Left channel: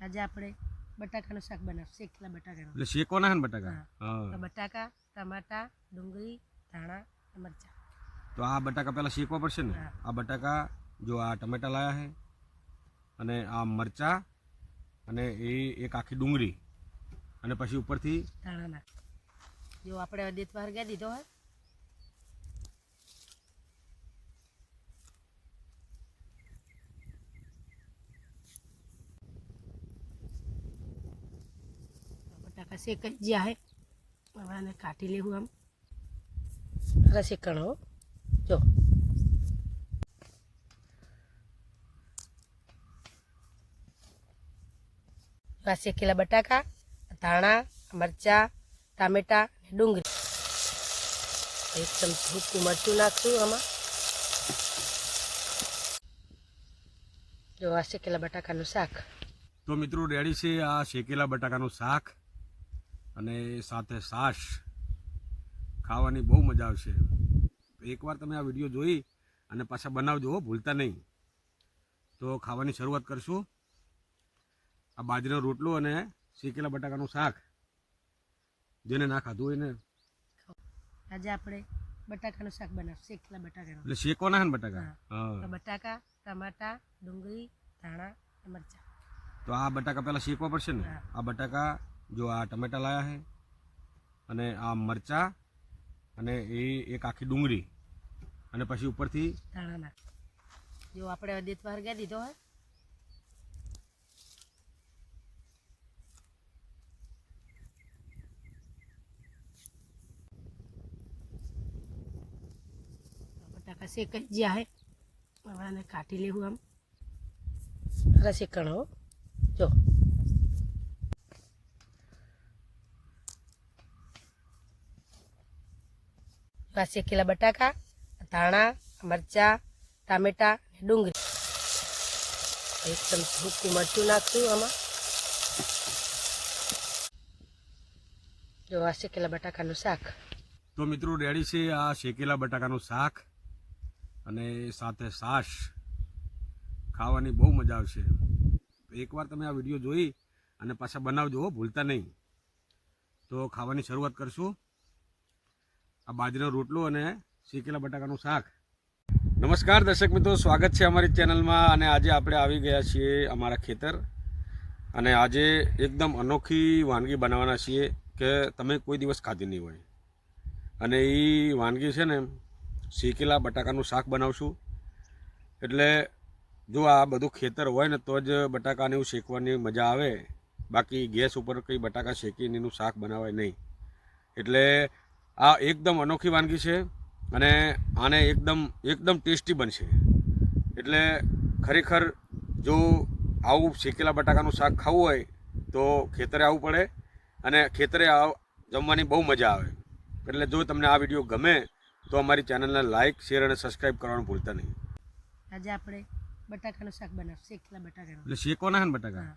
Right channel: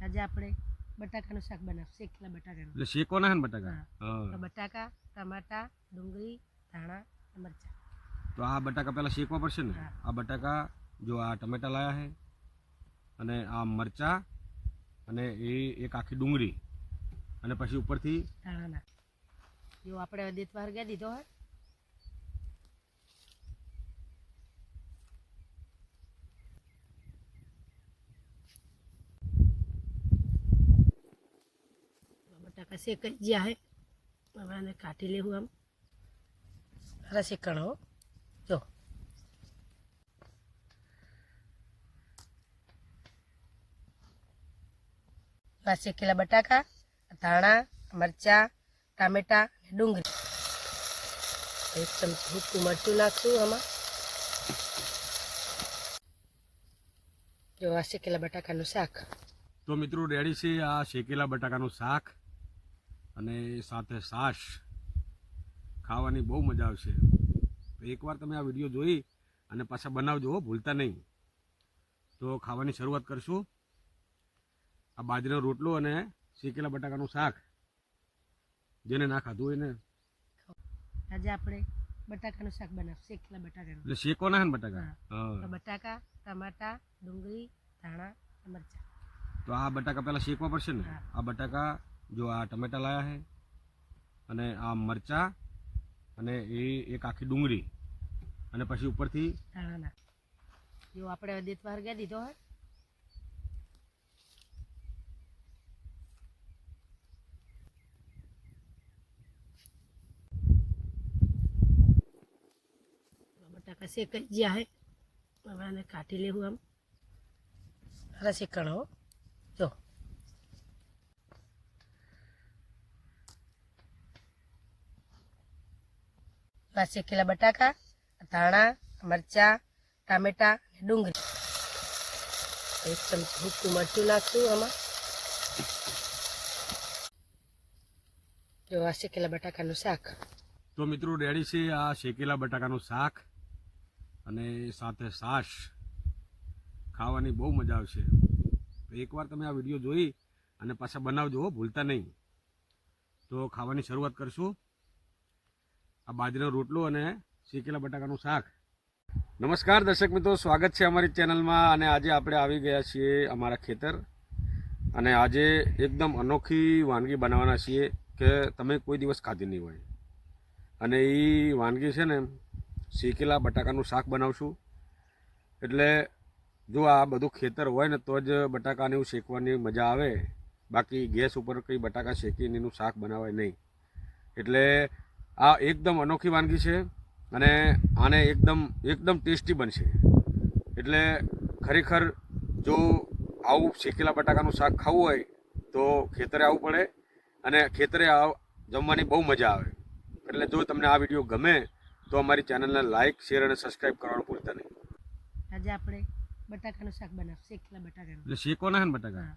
આજે આપણે બટાકાનું શાક બનાવશું. શેકેલા બટાકાનું. એટલે શેકવાના હે ને બટાકા? હા. બટાકા ટમાટા ડુંગળી ધાણા અને મરચાં. તો આ બટાકા પહેલા શેકવા પડશે ને? આ બટાકા જો આ ટમેટા લાયા છે અને આ મરચા અને એ એક આખી ડુંગળી અને પછી ઉપરથી ધાણા નાખ જો આપણે વાર ગયા દીધો હોય બટાકા કરી ગયા હે એને કાઢી લેવું આમ રસે શેકણ હો જો આ શેકેલા બટાકા ધાણા મરચાં ટામેટા અને ડુંગળી એક હુકું મરચું નાખશું આમાં જો આ શેકેલા બટાકાનું શાક તો મિત્રો રેડી છે આ શેકેલા બટાકાનું શાક અને સાથે છાશ ખાવાની બહુ મજા આવશે. એકવાર તમે આ વીડિયો જોઈ અને પાછા બનાવજો હો, ભૂલતા નહીં. તો ખાવાની શરૂઆત કરશું. આ બાજરીનો રોટલો અને શેકેલા બટાકાનું શાક. જેને ના ખાધું હોય ને આજે આપણે બટાકાનું શાક બનાવશું શેકેલા બટાકાનું. એટલે શેકવાના ના ને બટાકા? બટાકા ટમાટા ડુંગળી ધાણા મરચાં. તો આ બટાકા પહેલા શેકવા પડશે ને? આ બટાકા જો આ ટમેટા લાયા છે, અને આ મરચા, અને એ એક આખી ડુંગળી, અને પછી ઉપરથી જો આપણે દેતવા ગયા દીધો હોય. બટાકા શેકાઈ ગયા હે હવે કાઢી લેવું આમ. અરે શેકણ હો. જો. આ શેકેલા બટાકા, ધાણા, મરચાં, ટામેટા અને ડુંગળી. એક ચમચી હુકું મરચું નાખશું આમાં. જો આ શેકેલા બટાકાનું શાક. તો મિત્રો રેડી છે આ શેકેલા બટાકાનું શાક અને સાથે સાશ ખાવાની બહુ મજા આવશે. તો એકવાર તમે આ વીડિયો જોઈ અને પાછા બનાવજો ભૂલતા નહીં. તો ખાવાની શરૂઆત કરશું. આ બાજરીનો રોટલો અને શેકેલા બટાકાનું શાક. નમસ્કાર, દર્શક મિત્રો, સ્વાગત છે અમારી ચેનલમાં અને આજે આપણે આવી ગયા છીએ અમારા ખેતર. અને આજે એકદમ અનોખી વાનગી બનાવવાના છીએ કે તમે કોઈ દિવસ ખાધી નહીં હોય. અને એ વાનગી છે ને, શેકેલા બટાકાનું શાક બનાવશું. એટલે જો આ બધું ખેતર હોય ને, તો જ બટાકાને એવું શેકવાની મજા આવે. બાકી ગેસ ઉપર કંઈ બટાકા શેકીને એનું શાક બનાવાય નહીં. એટલે આ એકદમ અનોખી વાનગી છે અને આને એકદમ એકદમ ટેસ્ટી બનશે. એટલે ખરેખર જો આવું શેકેલા બટાકાનું શાક ખાવું હોય તો ખેતરે આવવું પડે અને ખેતરે આવ જમવાની બહુ મજા આવે. એટલે જો તમને આ વીડિયો ગમે તો અમારી ચેનલને લાઇક શેર અને સબસ્ક્રાઇબ કરવાનું ભૂલતા નહીં. આજે આપણે બટાકાનું શાક બનાવશું શેકેલા બટાકાનું. એટલે શેકવાના છે ને બટાકા?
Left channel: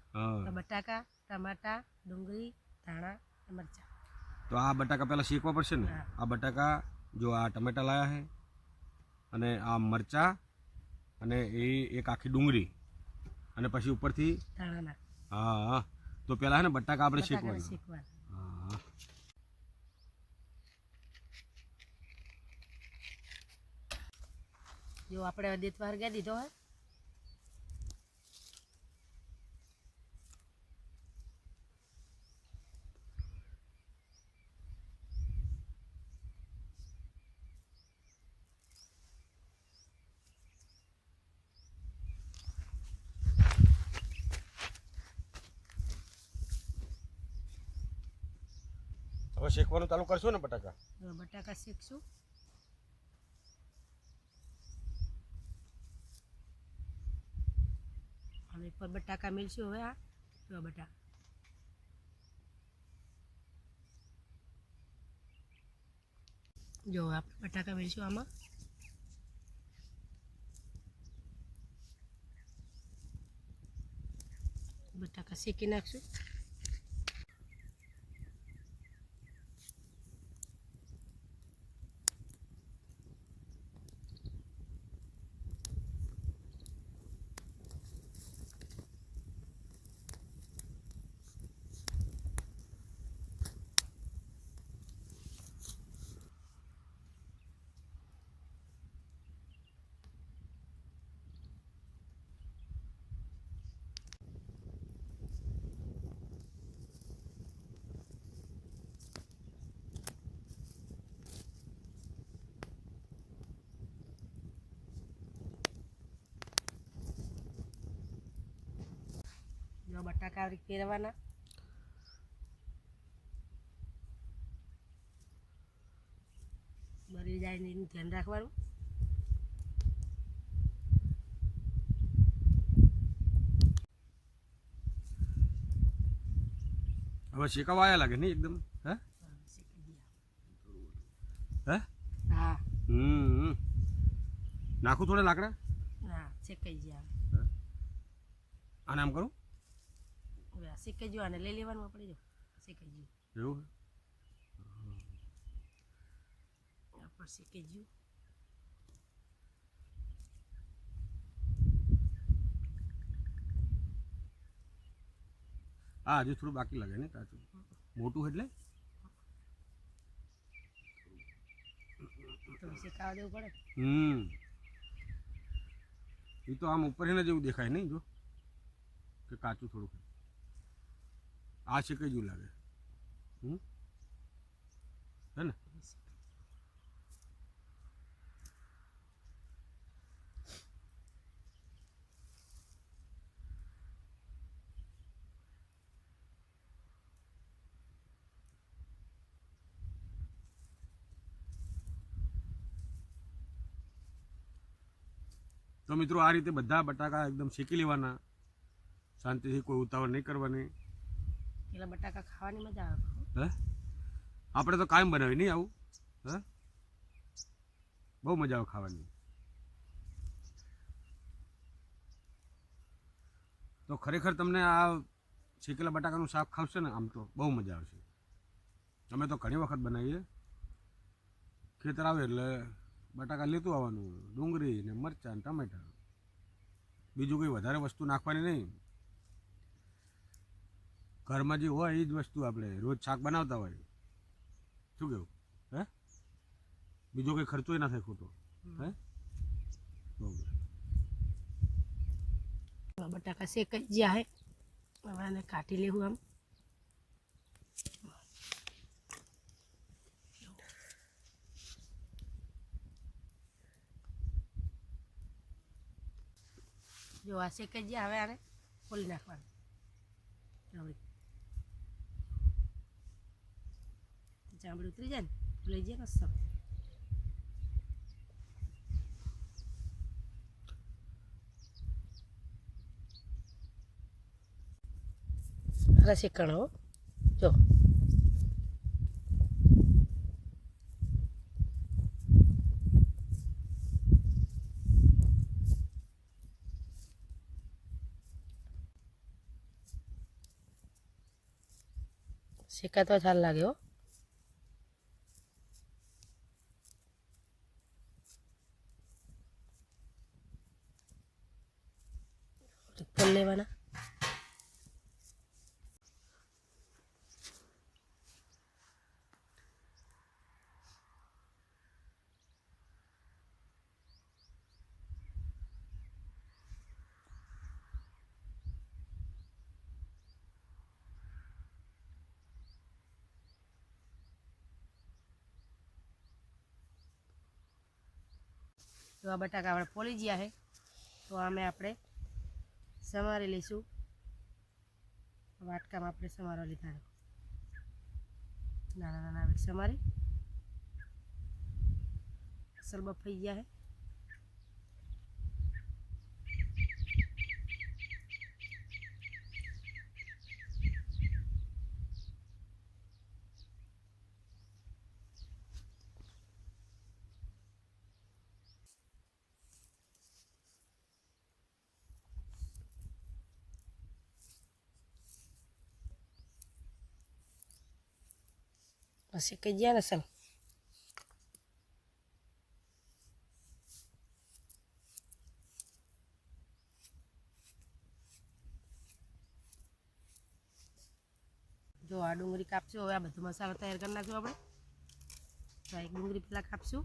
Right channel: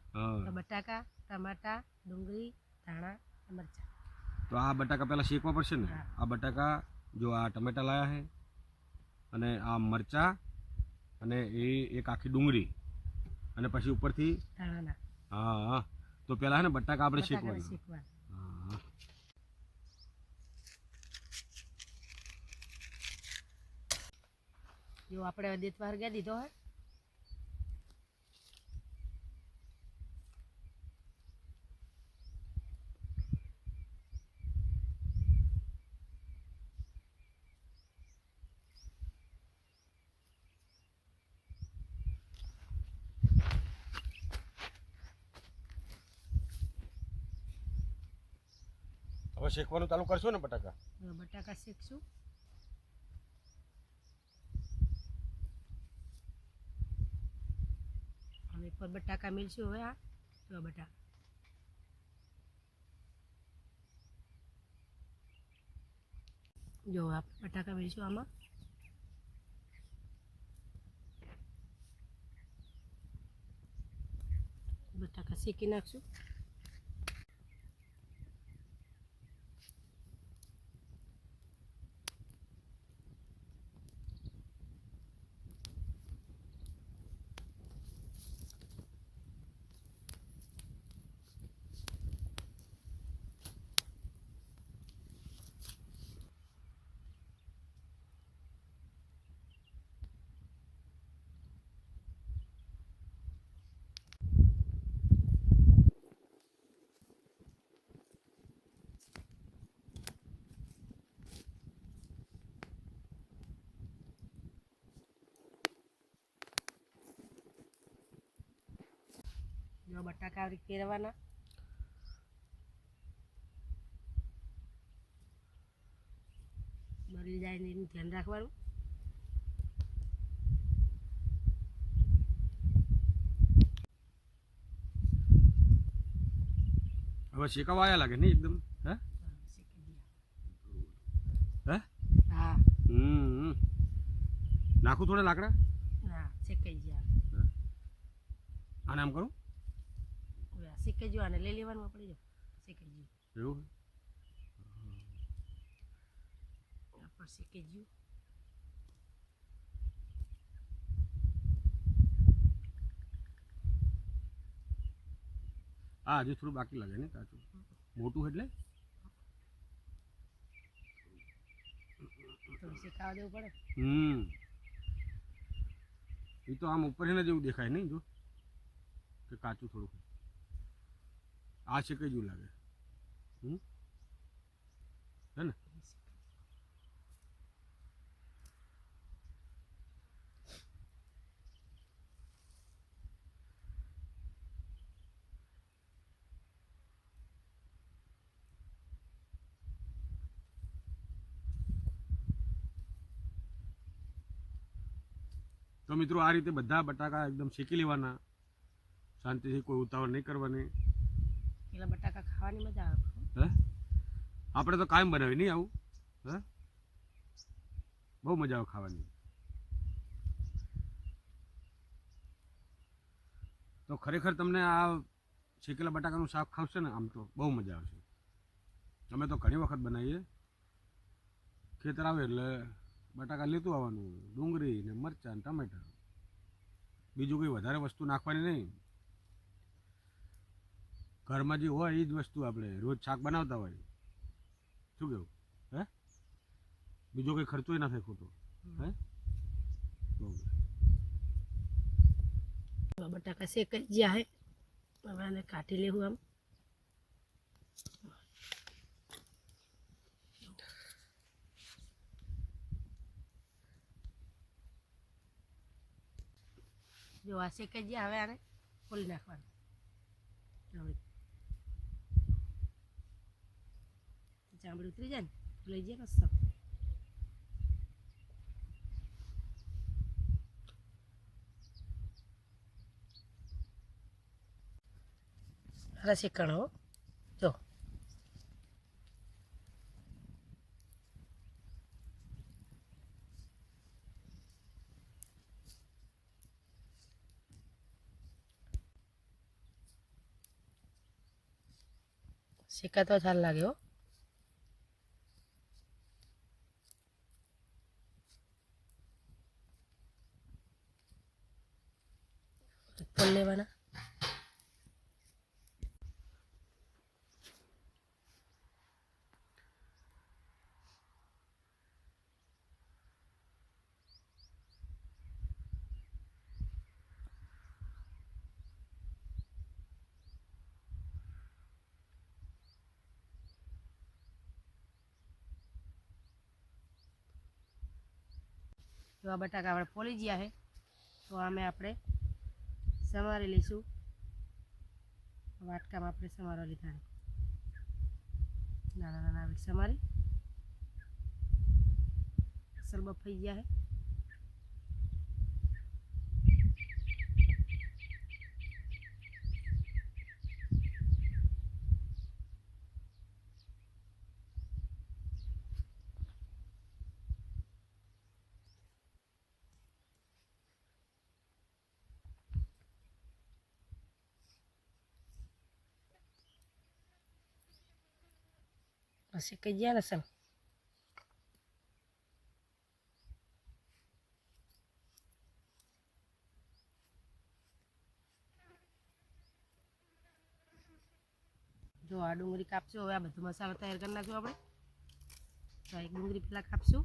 બટાકા ટમાટા ડુંગળી ધાણા અને મરચાં. તો આ બટાકા પહેલાં શેકવા પડશે ને? આ બટાકા જો આ ટમેટા લાયા છે અને આ મરચા અને એ એક આખી ડુંગળી અને પછી ઉપરથી હા હા તો પહેલાં છે ને બટાકા આપણે શેકવાના. હા. જો આપણે દેતવા હરગાઈ દીધો હોય હવે શેકવાનું ચાલુ કરશો ને બટાકા? બટાકા શેકશું હવે પર બટાકા મિલશું હવે આ, જો બટાકા જો આપણે બટાકા મિલશું આમાં. બટાકા શેકી નાખશું. એવા બટાકા પહેરવાના બળી જાય ને એનું ધ્યાન રાખવાનું. હવે શેકાવા આયા લાગે નહીં એકદમ? હે? હા. હે. હમ. નાખું થોડા લાકડા? ના શેકાઈ જાય આને આમ કરું? હવે શેકાઈ ગયું આને લઈ લેવાનું આપણે જો શીખી ગયું એવું આ પણ શેકાઈ ગયું હા હજુ થોડું બાકી લાગે ને કાચું મોટું એટલે તો શેકાવા દેવું પડે હમ એ તો આમ ઉપર જેવું દેખાય નહીં જો કે કાચું થોડુંક આ છે કઈ જેવું લાગે? હે ને? તો મિત્રો, આ રીતે બધા બટાકા એકદમ શેકી લેવાના. શાંતિથી કોઈ ઉતાવળ નહીં કરવાની. પેલા બટાકા ખાવાની મજા આવે. હે? આપણે તો કાયમ બનાવી નહીં આવું? હે? બહુ મજા આવે ખાવાની. તો ખરેખર તમને આ શેકેલા બટાકાનું શાક ખાવશે ને, આમ તો બહુ મજા આવશે. અમે તો ઘણી વખત બનાવીએ. ખેતર આવે એટલે બટાકા લેતું આવવાનું, ડુંગળી ને મરચાં ને ટમેટા. બીજું કંઈ વધારે વસ્તુ નાખવાની નહીં. ઘરમાં જે હોય એ જ વસ્તુ આપણે, રોજ શાક બનાવતા હોય. શું કેવું? હે? બીજો કંઈ ખર્ચો ના થાય ખોટો. હે? બહુ હવે બટાકા શેકાઈ ગયા હે. હવે આને કાઢી લેવું આમ. જો આ શેકાઈ ગયા, હવે આને ખોલી નાખવાનું. ચામડી ઉતરી જાય ને લઈ જાય સબ અરે હો જો શેકાતો સારું લાગે હો ફોલ લેવાના એવા બટાકા આપણે ફોલી ગયા છે. તો આમે આપણે સમારી લઈશું. વાટકામાં આપણે સમારવા લીધા નાના નાના સમારી. અસલ બફાઈ ગયા છે. શેકાઈ ગયા ને અસલ જો આ ડુંગળી કાપશું, હવે આ બધો મસાલો તૈયાર કરી નાખશું આપણે. તો એક ડુંગળી પહેલાં કાપશું.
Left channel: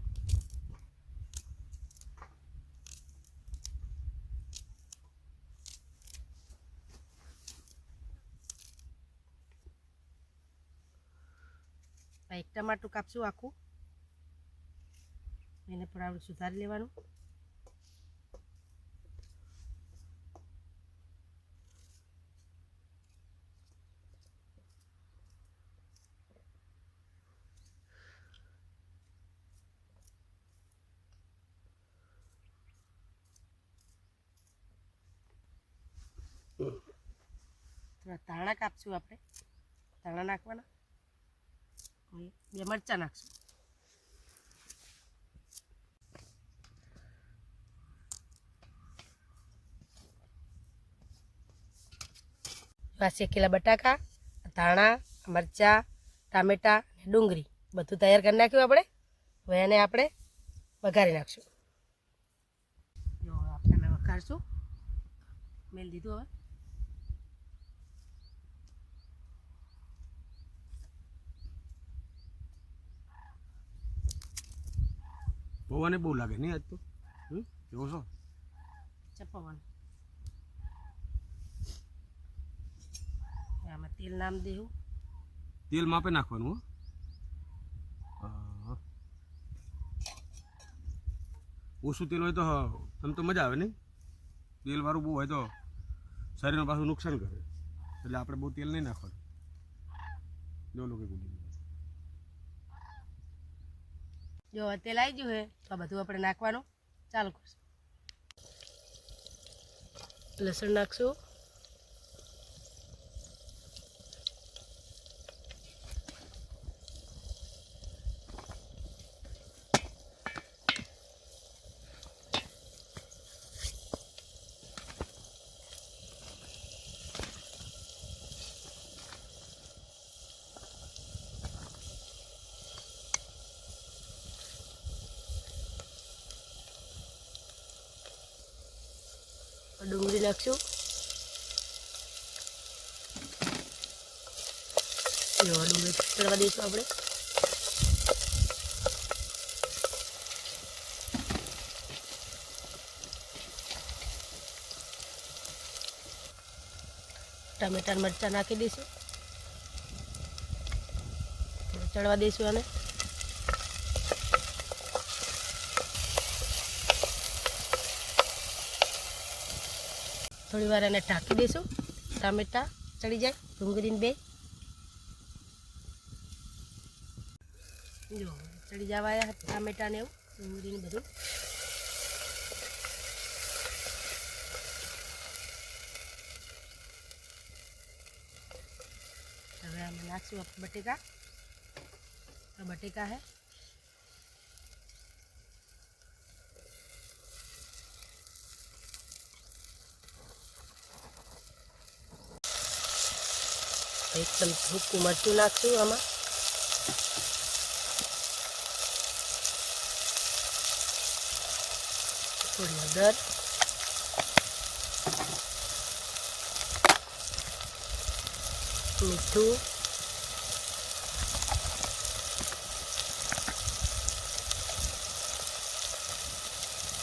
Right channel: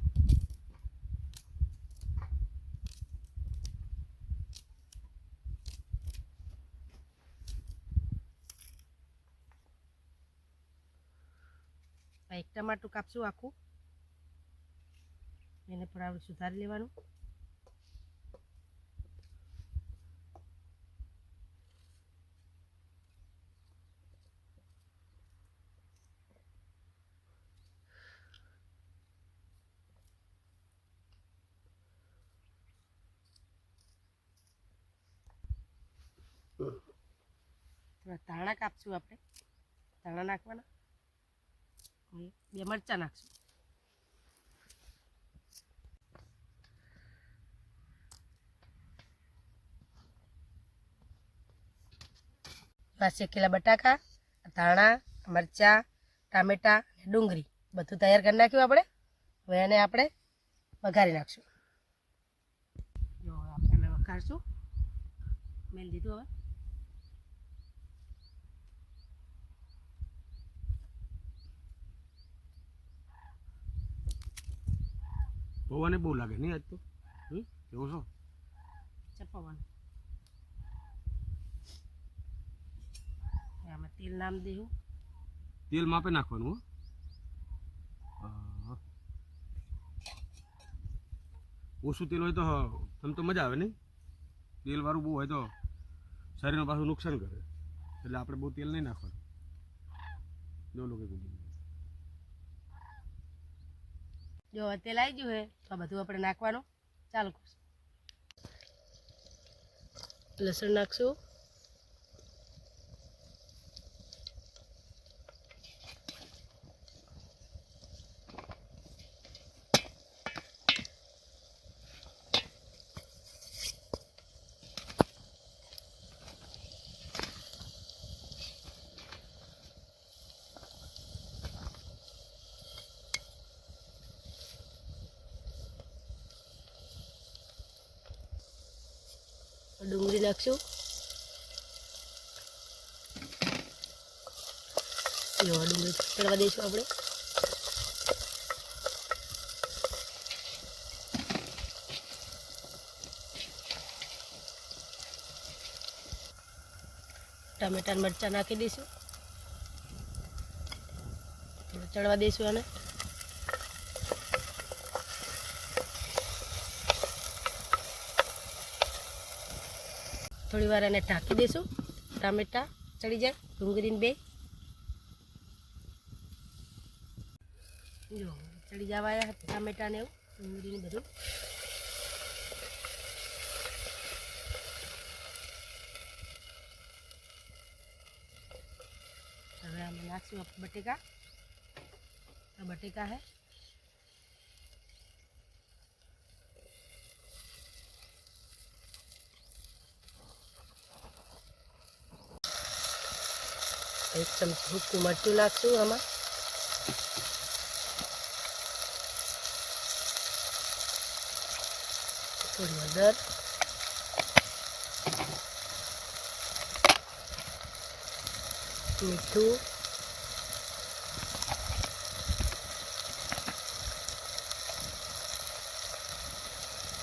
આ એક ટમાટું કાપશું આખું. એને પણ આપણે સુધારી લેવાનું. થોડા ધાણા કાપશું આપણે. ધાણા નાખવાના. અને બે મરચાં નાખશું. શેકેલા બટાકા ધાણા મરચાં ટામેટાં અને ડુંગળી. બધું તૈયાર કરી નાખ્યું આપણે. હવે એને આપણે વઘારી નાખશું. જો આપણે વઘારશું. મેલ દીધું હવે. પૌવાને બહુ લાગે નહીં આજ તો? કેવો છો? પવન. આમાં તેલ નામ દેવું તેલ માપે નાખવાનું હો. ઓછું તેલ હોય તો આમ તો મજા આવે નહીં? તેલવાળું બહુ હોય તો શરીરને પાછું નુકસાન કરે. એટલે આપણે બહુ તેલ નહીં નાખવાનું. જો લોકો ગુડી જો હવે તેલ આવી ગયું હે, તો આ બધું આપણે નાખવાનું ચાલુ કરશું. લસણ નાખશું ડુંગળી નાખશું ડુંગળી દઈશું આપણે. ટામેટા મરચાં નાખી દઈશું ચડવા દઈશું આને. થોડી વાર એને ઢાંકી દઈશું ટામેટા ચડી જાય, ડુંગળીને બે. જો, ચડી જવા આવ્યા ટામેટા ને એવું, ડુંગળીને બધું. હવે અમે નાખશું આપણે બટેકા. આ બટેકા હે. એક ચમચી સૂકું મરચું નાખશું આમાં થોડી હળદર મીઠું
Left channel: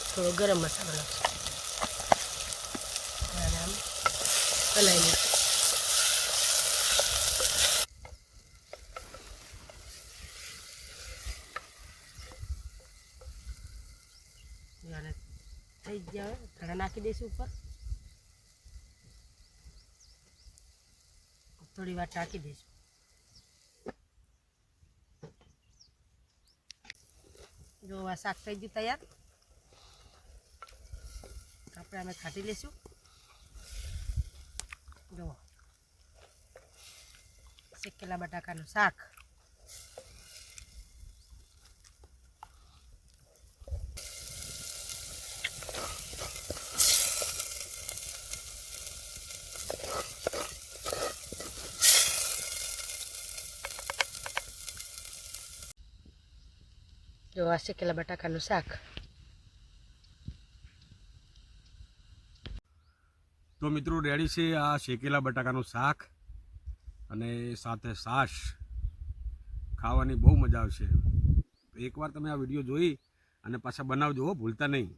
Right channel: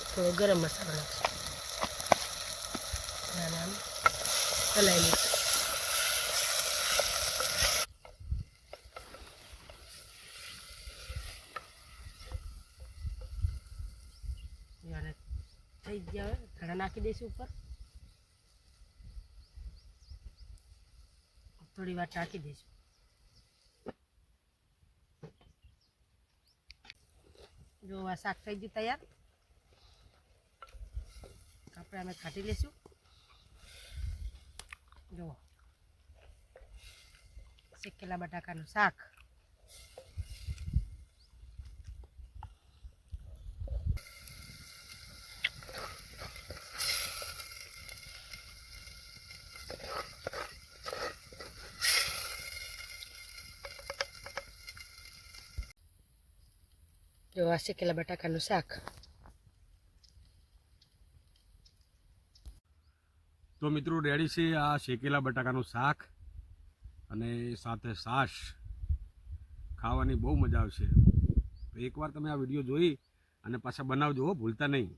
થોડો ગરમ મસાલો નાખશું અને આમ હલાવી લઈશું અને થઈ ગયા હવે ધાણા નાખી દઈશું ઉપર. થોડી વાર ટાંકી દઈશું. જો આ શાક થઈ ગયું તૈયાર. આપણે અમે ખાટી લઈશું. જુઓ. શેકેલા બટાકાનું શાક. જો આ શેકેલા બટાકાનું શાક તો મિત્રો રેડી છે આ શેકેલા બટાકાનું શાક અને સાથે છાશ. ખાવાની બહુ મજા આવશે. એકવાર તમે આ વીડિયો જોઈ અને પાછા બનાવજો હો, ભૂલતા નહીં.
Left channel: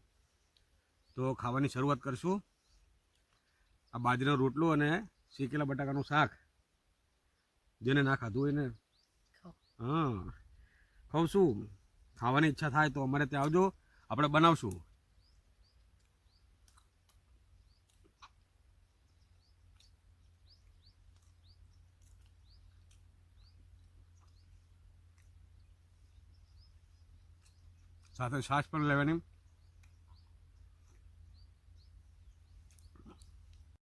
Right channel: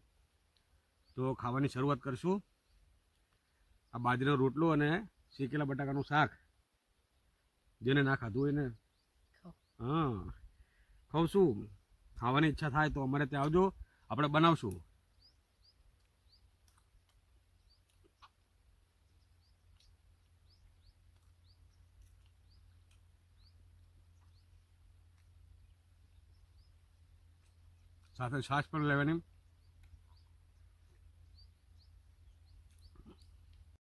તો ખાવાની શરૂઆત કરશું. આ બાજરીનો રોટલો અને શેકેલા બટાકાનું શાક. જેને ના ખાધું એને ને. હા. ખાઉં છું ખાવાની ઈચ્છા થાય તો અમારે ત્યાં આવજો. આપણે બનાવશું. સાથે છાશ પણ લેવાની.